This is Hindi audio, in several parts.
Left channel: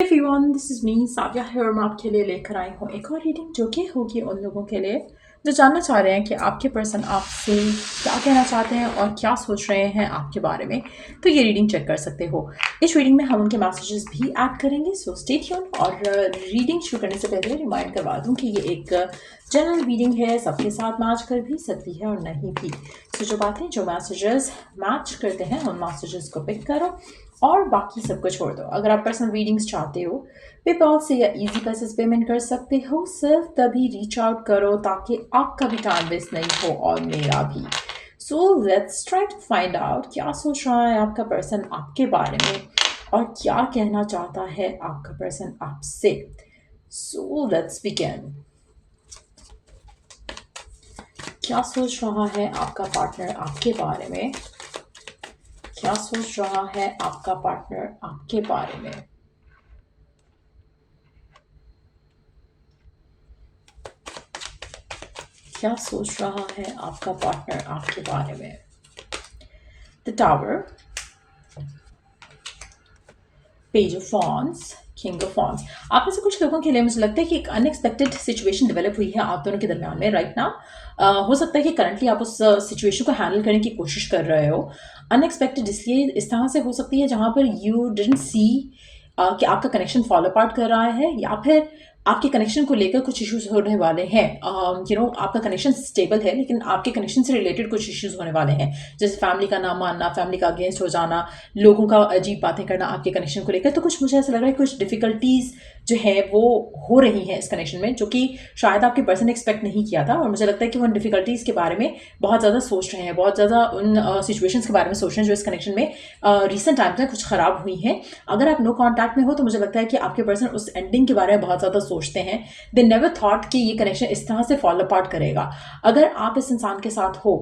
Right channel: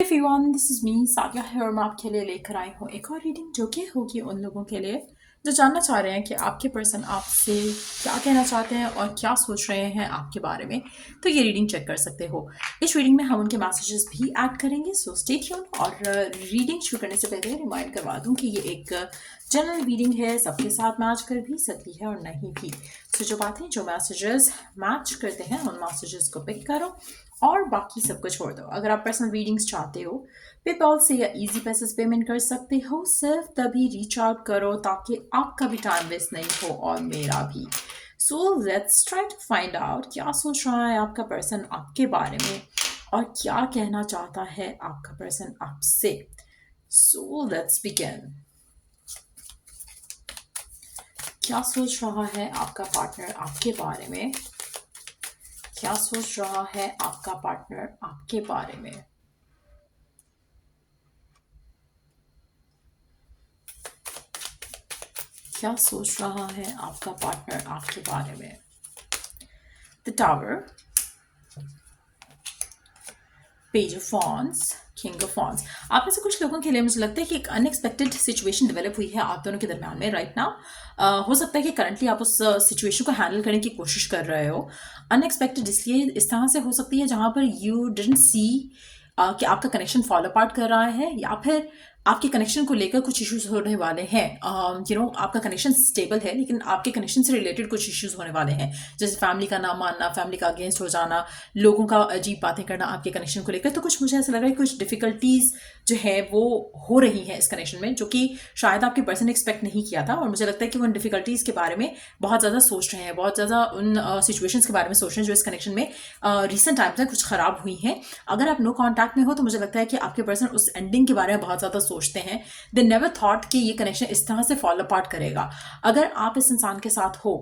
एवरीवन, दिस इज़ मी साविया है और मैं आपके लिए लेकर आई हूँ एक और रीडिंग जो कि होगी उन लोगों के लिए जो जानना चाह रहे हैं कि आपके पर्सन आपसे क्या कहना चाहते हैं और क्या सोच रहे हैं आपके बारे में। तो ये रीडिंग चेक कर सकते हो। इस रीडिंग में हम उनके मैसेजेस भी ऐड करेंगे, सो स्टे ट्यून। और रीडिंग शुरू करने से पहले रिमाइंड करवा दूँ कि ये एक जनरल रीडिंग है, सबके साथ मैच कर भी सकती है और नहीं भी। सो जो बातें जो मैसेजेस मैच करते हैं उन मैसेजेस को पिक करो और बाकी सबको छोड़ दो। अगर आप पर्सनल रीडिंग्स चाहते हो पेपॉल से या इजी पैसेज पेमेंट कर सकते हो, सिर्फ तभी रीच आउट करो ताकि आपका भी टाइम वेस्ट नहीं हो और मेरा भी। So let's try to find out क्या सोच रहा है आपका पर्सन आपके बारे में और क्या कहना चाहता है आपका पर्सन आपसे। So let's begin. क्या सोच रहा है आपका पार्टनर आपके बारे में? क्या सोच रहा है आपका पार्टनर आपके बारे में? क्या सोच रहा है आपका पार्टनर आपके बारे में? The tower, page of wands, king of wands. आप में से कुछ लोगों के लिए मुझे लगता है कि एक अनएक्सपेक्टेड सिचुएशन डेवलप हुई है आप दोनों के दरमियान में राइट नाउ। हो सकता है कि करंटली आप उस सिचुएशन को हैंडल करने की कोशिश कर रहे हो। अनएक्सपेक्टेड इसलिए इस तरह से हो सकती है जहां पर यू डिडंट सी कि आपका कनेक्शन फॉल अपार्ट कर रहा है या फिर आपके कनेक्शन को लेकर कुछ इश्यूज होने वाले हैं। आपका कनेक्शन स्टेबल है लेकिन आपके कनेक्शन से रिलेटेड कुछ इश्यूज होने वाले हैं, जैसे फैमिली का ना मानना, फैमिली का अगेंस्ट हो जाना, लोगों का अजीब बातें करना आपके कनेक्शन को लेकर। तो कुछ मुझे ऐसा लग रहा है कुछ डिफिकल्टीज जो है वो हो रही है इस कनेक्शन में, जो कि शायद आपके पर्सन ने एक्सपेक्ट नहीं किया था। और मुझे लगता है कि वो उन डिफिकल्टीज के बारे में बहुत ज़्यादा सोच रहे हैं, बहुत ज़्यादा उन सिचुएशंस के बारे में सोच रहे हैं जो इस कनेक्शन में रिसेंट टाइम्स में कुछ खराब हुई हैं। अगर आप नो कॉन्टैक्ट में हो तो मुझे लगता है कि आपके पर्सन उस एंडिंग के बारे में बहुत ज़्यादा सोचते हैं। दे नेवर थॉट कि ये कनेक्शन इस तरह से फॉलो अपार्ट करेगा। अगर आप इस इंसान के साथ हो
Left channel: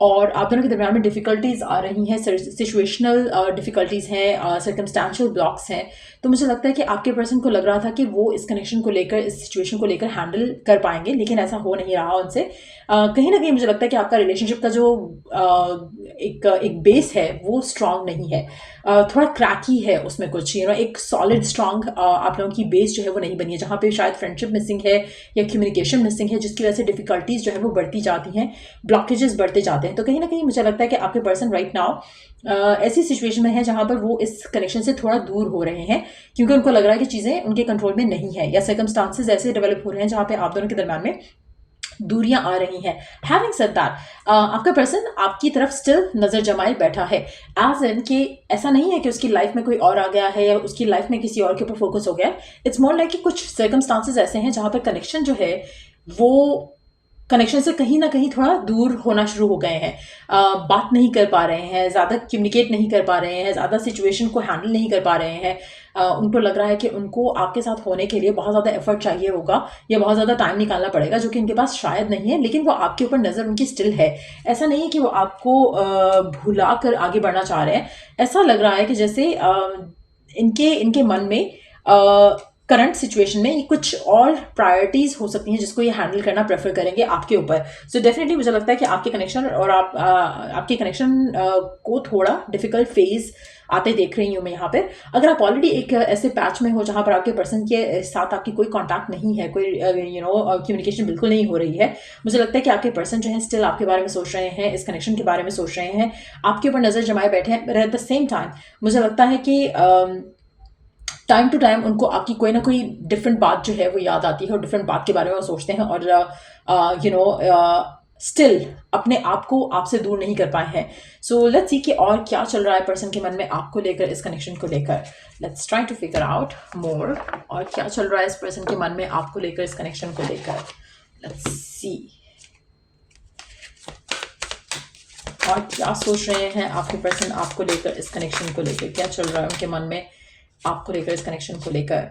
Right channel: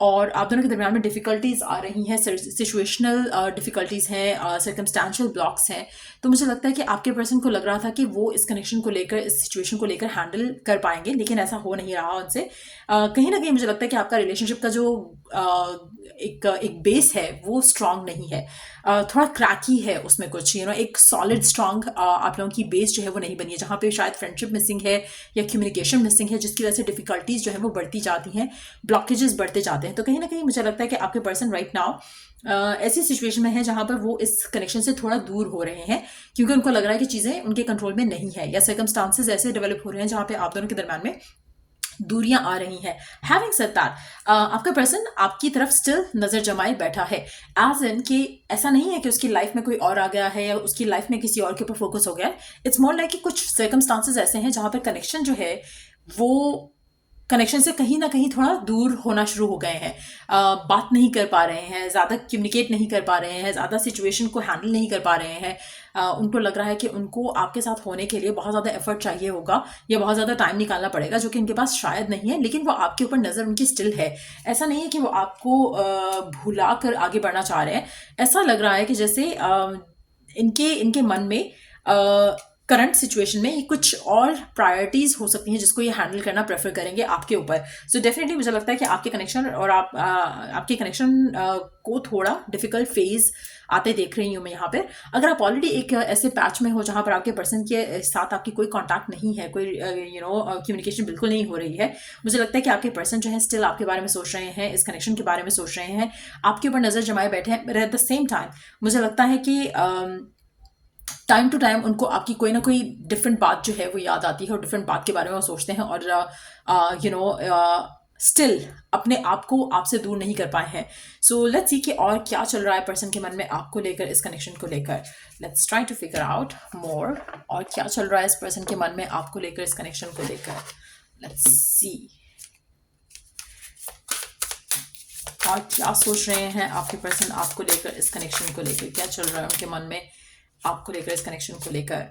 और आप दोनों के दरमियान में डिफिकल्टीज आ रही हैं, सिचुएशनल डिफिकल्टीज हैं, सर्कमस्टेंशियल ब्लॉक्स हैं, तो मुझे लगता है कि आपके पर्सन को लग रहा था कि वो इस कनेक्शन को लेकर, इस सिचुएशन को लेकर हैंडल कर पाएंगे, लेकिन ऐसा हो नहीं रहा उनसे। कहीं ना कहीं मुझे लगता है कि आपका रिलेशनशिप का जो एक बेस है वो स्ट्रांग नहीं है, थोड़ा क्रैकी है उसमें कुछ, एक सॉलिड स्ट्रांग आप लोगों की बेस जो है वो नहीं बनी है, जहाँ पे शायद फ्रेंडशिप मिसिंग है या कम्युनिकेशन मिसिंग है, जिसकी वजह से डिफिकल्टीज जो है वो बढ़ती जाती हैं, ब्लॉकेजेस बढ़ते जाते हैं। तो कहीं ना कहीं मुझे लगता है कि आपके पर्सन राइट नाउ ऐसी सिचुएशन में है जहां पर वो इस कनेक्शन से थोड़ा दूर हो रहे हैं, क्योंकि उनको लग रहा है कि चीज़ें उनके कंट्रोल में नहीं है या सर्कमस्टांसेस ऐसे डेवलप हो रहे हैं जहां पे आप दोनों के दरम्यान में दूरियां आ रही हैं। हैविंग सेड दैट, आपका पर्सन आपकी तरफ स्टिल नजर जमाए बैठा है, एज इन कि ऐसा नहीं है कि उसकी लाइफ में कोई और आ गया है या उसकी लाइफ में किसी और के ऊपर फोकस हो गया है। इट्स मोर लाइक कि कुछ सर्कमस्टांसेस ऐसे हैं जहां पर कनेक्शन जो है वो कनेक्शन से कहीं ना कहीं थोड़ा दूर होना शुरू हो गए हैं, बात नहीं कर पा रहे हैं, ज़्यादा कम्युनिकेट नहीं कर पा रहे हैं, ज़्यादा सिचुएशन को हैंडल नहीं कर पा रहे हैं। उनको लग रहा है कि उनको आपके साथ होने के लिए बहुत ज़्यादा एफर्ट चाहिए होगा या बहुत ज़्यादा टाइम निकालना पड़ेगा, जो कि इनके पास शायद नहीं है, लेकिन वो आपके ऊपर नज़र उनकी स्टिल है। ऐसा नहीं है कि वो आपको भुला कर आगे बढ़ना चाह रहे हैं। ऐसा लग रहा है कि जैसे इनके इनके मन में करंट सिचुएशन में ये कुछ और प्रायोरिटीज हो सकती हैं जिसको ये हैंडल करना प्रेफर करेंगे आपके ऊपर। सो डेफिनेटली मुझे लगता है कि आपके कनेक्शन और आपके कनेक्शन को थोड़ा डिफिकल्ट फेज आते देख रही हूँ मैं यहाँ पे। अगर आप ऑलरेडी एक ऐसे पैच में हो जहाँ पर आपके पर्सन के साथ आपकी कोई कांटेक्ट नहीं है, कोई कम्युनिकेशन बिल्कुल नहीं हो रही है, मुझे लगता है कि आपके पर्सन जो है स्टिल आपके बारे में सोच रहे हैं, इस कनेक्शन के बारे में सोच रहे हैं, आपके ऊपर नज़र जमाए बैठे हैं। एट द सेम टाइम मुझे लगता है कि टाइम टू टाइम उनको आपकी कोई ना कोई डिफरेंट बात जो है वो याद आती है और डिफरेंट बात के बारे में वो सोचते हैं और स्टिल अपने आप को आपसे दूर नहीं कर पाए हैं। सो लेट्स सी कि और क्या चल रहा है पर्सन के मन में आपको लेकर, इस कनेक्शन को लेकर। Let's try to figure out more, और क्या चल रहा है इस पर्सन के मन में आपको लेकर, इस कनेक्शन को लेकर। लेट्स सी और क्या सोच रहे हैं आपके पर्सन आपको लेकर, इस कनेक्शन को लेकर। क्या चल रहा है उनके मन में आपको लेकर, इस कनेक्शन को लेकर।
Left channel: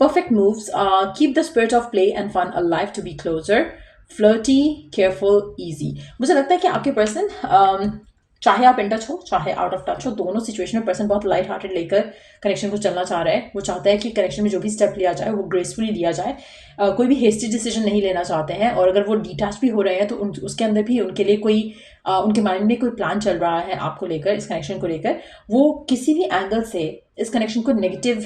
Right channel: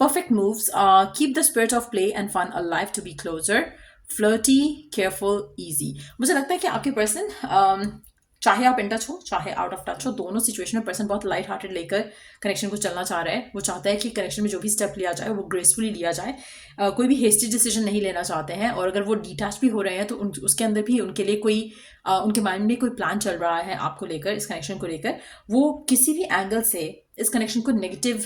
Perfect moves, keep the spirit of play and fun alive to be closer, flirty, careful, easy. मुझे लगता है कि आपके पर्सन चाहे आप इन टच हो चाहे आउट ऑफ टच हो, दोनों सिचुएशन में पर्सन बहुत लाइट हार्टेड लेकर कनेक्शन को चलना चाह रहा है। वो चाहता है कि कनेक्शन में जो भी स्टेप लिया जाए वो ग्रेसफुली लिया जाए, कोई भी हेस्टी डिसीजन नहीं लेना चाहते हैं। और अगर वो डिटैच भी हो रहे हैं तो उसके अंदर भी उनके लिए कोई उनके माइंड में कोई प्लान चल रहा है आपको लेकर, इस कनेक्शन को लेकर। वो किसी भी एंगल से इस कनेक्शन को नेगेटिव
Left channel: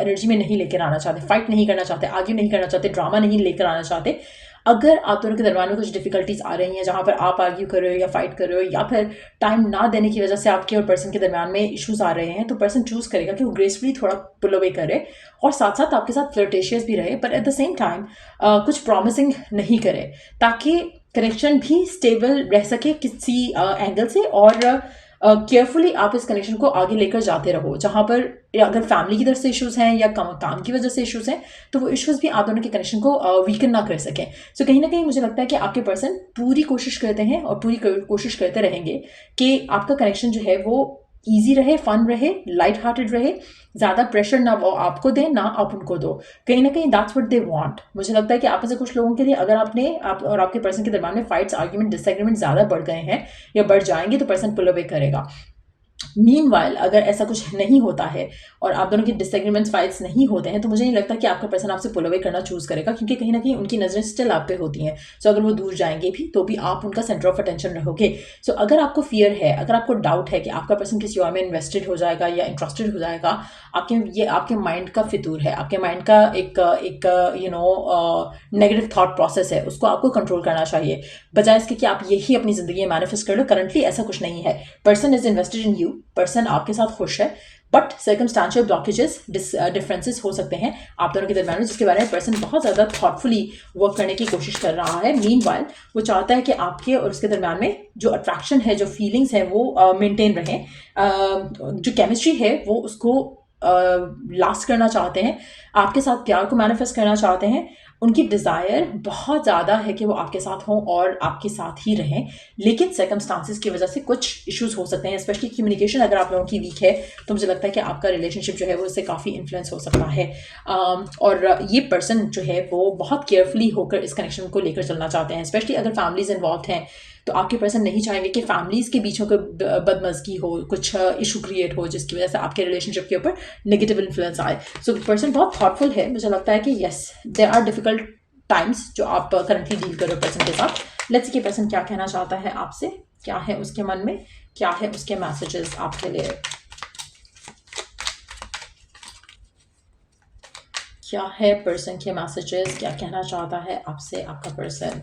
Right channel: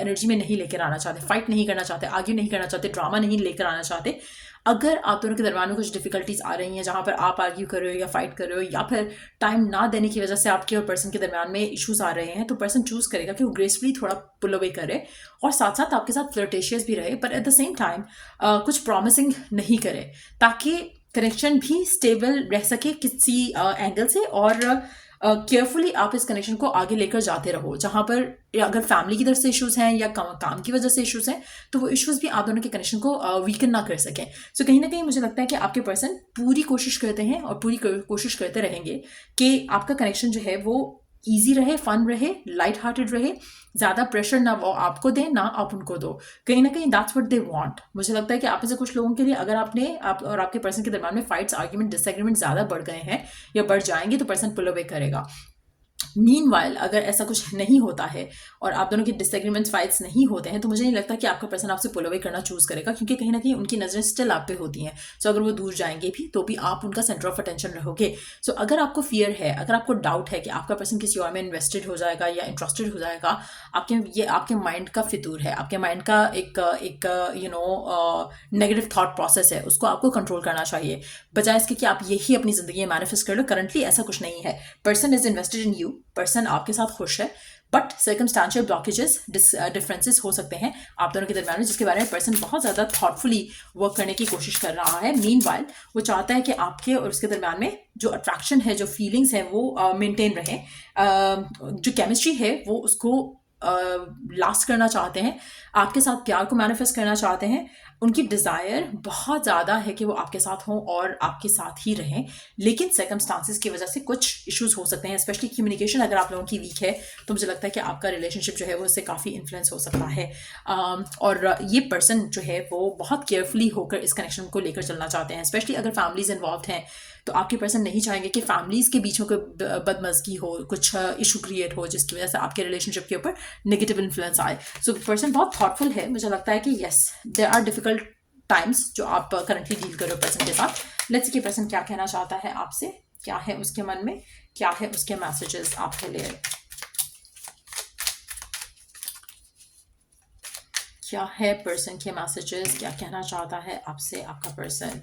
एनर्जी में नहीं लेकर आना चाहते, फाइट नहीं करना चाहते, आर्ग्यू नहीं करना चाहते, ड्रामा नहीं लेकर आना चाहते। अगर आप दोनों के दरमियान में कुछ डिफिकल्टीज आ रही हैं जहाँ पर आप आर्ग्यू कर रहे हो या फाइट कर रहे हो, या फिर टाइम ना देने की वजह से आपके और पर्सन के दरमियान में इश्यूज आ रहे हैं, तो पर्सन चूज करेगा कि वो ग्रेसफुली थोड़ा पुल अवे करे और साथ साथ आपके साथ फ्लर्टेशियस भी रहे, पर एट द सेम टाइम कुछ प्रॉमिसिंग नहीं करे, ताकि कनेक्शन भी स्टेबल रह सके किसी एंगल से, और केयरफुली आप इस कनेक्शन को आगे लेकर जाते रहो। जहाँ पर अगर फैमिली की तरफ से इश्यूज हैं या काम की वजह से इश्यूज हैं, तो वो इश्यूज भी आप दोनों के कनेक्शन को वीकन ना कर सकें। सो कहीं ना कहीं मुझे लगता है कि आपके पर्सन पूरी कोशिश करते हैं और पूरी कोशिश करते रहेंगे कि आपका कनेक्शन जो है वो ईजी रहे, फन रहे, लाइट हार्टेड रहे, ज़्यादा प्रेशर ना आपको दें ना आप उनको दो। कहीं ना कहीं दैट्स व्हाट दे वांट। मुझे लगता है कि आप में से कुछ लोगों के लिए अगर आप और आपके पर्सन के दरमियान में फाइट्स, आर्ग्यूमेंट, डिसएग्रीमेंट ज़्यादा बढ़ गए हैं या बढ़ जाएंगे, तो पर्सन पुल अवे करेगा। मीनवाइल अगर ऐसा कुछ नहीं होता है और आप दोनों की डिसएग्रीमेंट्स, फाइट्स नहीं होते हैं, तो मुझे नहीं लगता कि आपका पर्सन आपसे पुल अवे करना चूज करेगा, क्योंकि कहीं ना कहीं उनकी नज़रें स्टिल आप पे होती हैं। सो अगर वो दूर जाएंगे भी तो भी आप उनका सेंटर ऑफ अटेंशन रहोगे। सो अगर आपको फियर है, अगर आपको डाउट है कि आपका पर्सन किसी और में इन्वेस्टेड हो जाएगा या इंटरेस्टेड हो जाएगा, ये आपके माइंड का फितूर है, आपके माइंड का एक नेगेटिव थॉट प्रोसेस है, उसको आपको कंट्रोल करना चाहिए, बजाय इसके कि आप यही अपनी ज़िंदगी में मैनिफेस्ट कर लो। करंटली ऐसा कुछ नहीं है। Person is invested in you, person आपके साथ खुश है, बट सर्कमस्टांशियल ब्लॉकेजेस, डिफरेंसेस हो सकते हैं आप दोनों के दरमियान में, जिसके बारे में पर्सन बहुत ज़्यादा थॉटफुली वर्क करने की कोशिश कर रहा है। मीनवाइल वो चाहता है कि आपके और उसके दरमियान में जो अट्रैक्शन है, जो फीलिंग्स है, वो मेंटेन रहें, जो केमिस्ट्री है वो उसको लास्ट करना चाहते हैं, आपके साथ प्यार को मैनिफेस्ट करना चाहते हैं। उनकी डिज़ायर बहुत ज़्यादा है कि वो आपके साथ हों और आपके साथ ही रहें, लेकिन सर्कमस्टांसिस की वजह से कुछ इश्यूज हो सकते हैं, स्पेशली कम्युनिकेशन अगर आप लोगों की वीक है, तो मुझे लगता है कि आपका रिलेशनशिप जो है वो इससे काफ़ी इन्फ्लुएंस हो सकता है। और ये पर्सन जो है वो बहुत केयरफुली होकर इस कनेक्शन को लेकर चलना चाहते हैं, स्पेशली अगर फैमिलीज इन्वॉल्व हैं, तो आपके पर्सन नहीं चाहेंगे कि फैमिलीज के बीच में कोई बदमज़गी हो, कुछ इशू क्रिएट हो जिसकी वजह से आपके रिलेशनशिप के ऊपर नेगेटिव इन्फ्लुएंस आए। सो पर्सन बहुत थॉटफुल है। मुझे लगता है कि yes, there are difficult times जो आप करंटली डील कर रहे हो पर्सन के साथ। लेट्स सी कि पर्सन क्या कहना चाहता है आपसे, क्या है उसके मन में, क्या है उसके मैसेजेस आपके लिए, क्या है पर्सन के मैसेजेस, क्या कहना चाहता है आपसे आपका पर्सन।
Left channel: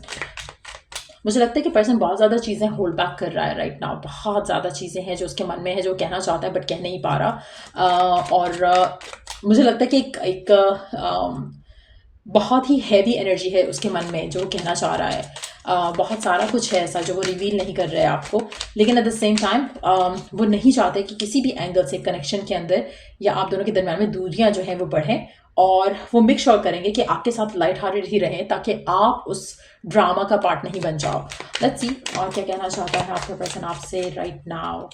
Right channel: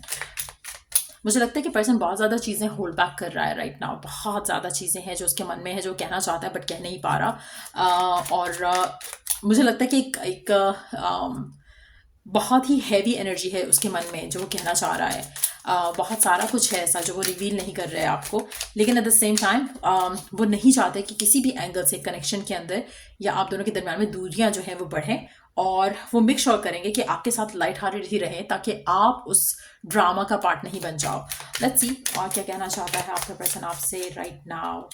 मुझे लगता है कि पर्सन बहुत ज़्यादा चीज़ें होल्ड बैक कर रहा है राइट नाउ। बहुत ज़्यादा चीज़ें हैं जो उसके मन में है, जो कहना चाहता है बट कह नहीं पा रहा। और मुझे लगता है कि एक बहुत ही हैवी एनर्जी है उसके मन में जो वो कहना चाह रहा है। बहुत सारा कुछ है ऐसा जो वो रिवील नहीं कर रहा है आपको, लेकिन एट द सेम टाइम वो नहीं चाहते कि किसी भी एंगल से कनेक्शन के अंदर या आप दोनों के दरम्यान में दूरियां जो हैं वो बढ़ें, और वो मेक श्योर करेंगे कि आपके साथ लाइट हार्टेड ही रहें, ताकि आप उस ड्रामा का पार्ट नहीं बन जाओ। लेट्स सी और क्या कहना चाहता है आपका पर्सन आपसे right now.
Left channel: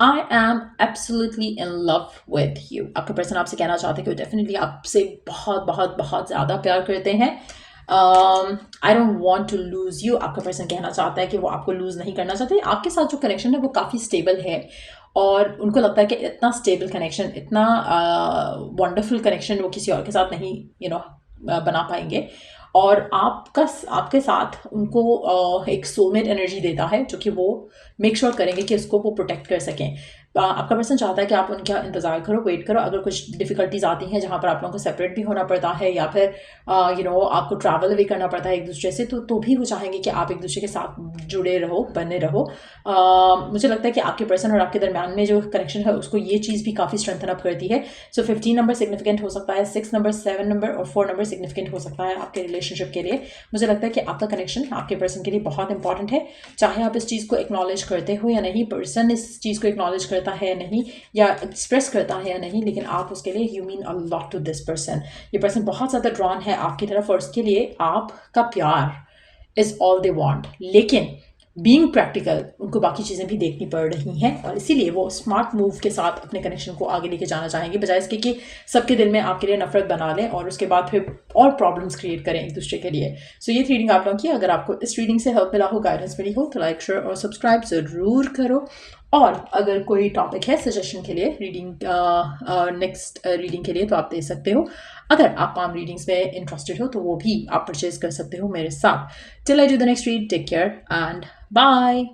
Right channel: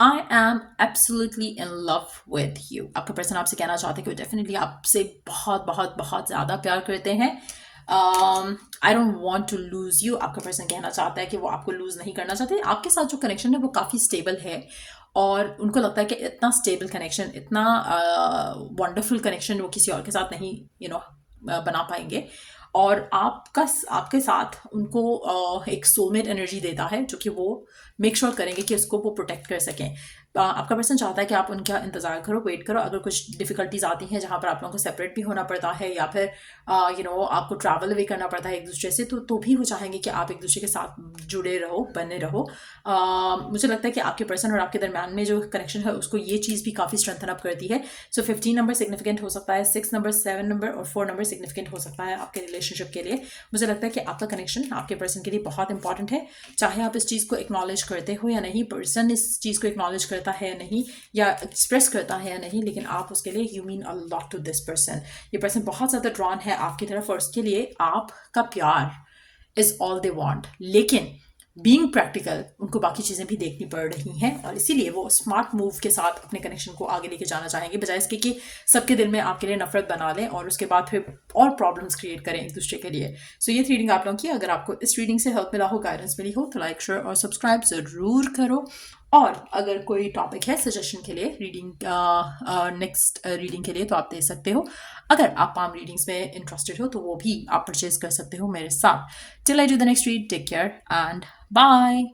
I am absolutely in love with you. आपका पर्सन आपसे कहना चाहते हैं कि वो डेफिनेटली आपसे बहुत बहुत बहुत ज़्यादा प्यार करते हैं। I don't want to lose you. आपका पर्सन कहना चाहता है कि वो आपको लूज़ नहीं करना चाहते। आपके साथ जो कनेक्शन है वो काफ़ी स्टेबल है, और उनको लगता है कि इतना स्टेबल कनेक्शन, इतना वंडरफुल कनेक्शन वो किसी और के साथ नहीं बना पाएंगे। और आपके साथ उनको एक सोलमेट एनर्जी देता है, जो कि वो मेक श्योर करेंगे कि उसको वो प्रोटेक्ट कर सकें। आपका पर्सन चाहता है कि आप उनका इंतज़ार करो, वेट करो। अगर कुछ डिफ़िकल्टीज आती हैं जहाँ पर आप लोगों को सेपरेट भी होना पड़ता है, या फिर आपको ट्रैवल भी करना पड़ता है एक दूसरे से, तो भी वो चाहेंगे कि आप एक दूसरे के साथ जुड़े रहो, बने रहो। मुझे लगता है कि आपके पर्सन और आपके दरम्यान में जो कनेक्शन है उसको ये चीज़ भी काफ़ी स्ट्रेंथन अप करती है। सो 15 नंबर सिग्निफिकेंट हो सकता है, 6 नंबर, 7 नंबर और 4 नंबर सिग्निफिकेंट हो सकता है आपके रिलेशनशिप के लिए। मुझे लगता है कि आपका कनेक्शन आपके पर्सन के लिए बहुत इंपॉर्टेंट है, चाहे आप इस चीज़ को एक्नॉलेज करते हो या नहीं, पर्सन इस चीज़ को एक्नॉलेज करता है या नहीं, या एक्सप्रेस करता है या नहीं, लेकिन आप उसके लिए you mean a lot to this person. ये पर्सन बहुत ज़्यादा ड्रॉन है आपकी तरफ, और उसके लिए आपका प्यार इज़ ऑल दे वांट। लेकिन बीइंग प्रैक्टिकल उनको बाकी चीज़ें भी देखनी पड़ रही हैं, और इसीलिए वो स्मार्ट मूव के साथ अपने कनेक्शन को आगे लेके जाना चाहेंगे, बजाय इसके कि सबके दिल में आपके लिए नफरत बना लें और उसके बाद फिर और प्रॉब्लम्स क्रिएट करें एक दूसरे के लिए। सो ये रीडिंग आप लोगों की, अगर आपको इस रीडिंग से हेल्प मिला हो, गाइडेंस मिली हो, तो लाइक, शेयर और सब्सक्राइब ज़रूर करो। और अगर कोई टॉपिक है सजेशन के लिए रीडिंग नेक्स्ट रीडिंग के लिए तो आप दे सकते हो। अगर आप पाम रीडिंग्स में इंटरेस्टेड हो तो वो भी आप परचेज कर सकते हो मेरे साथ। Till I do the next read, take care and bye.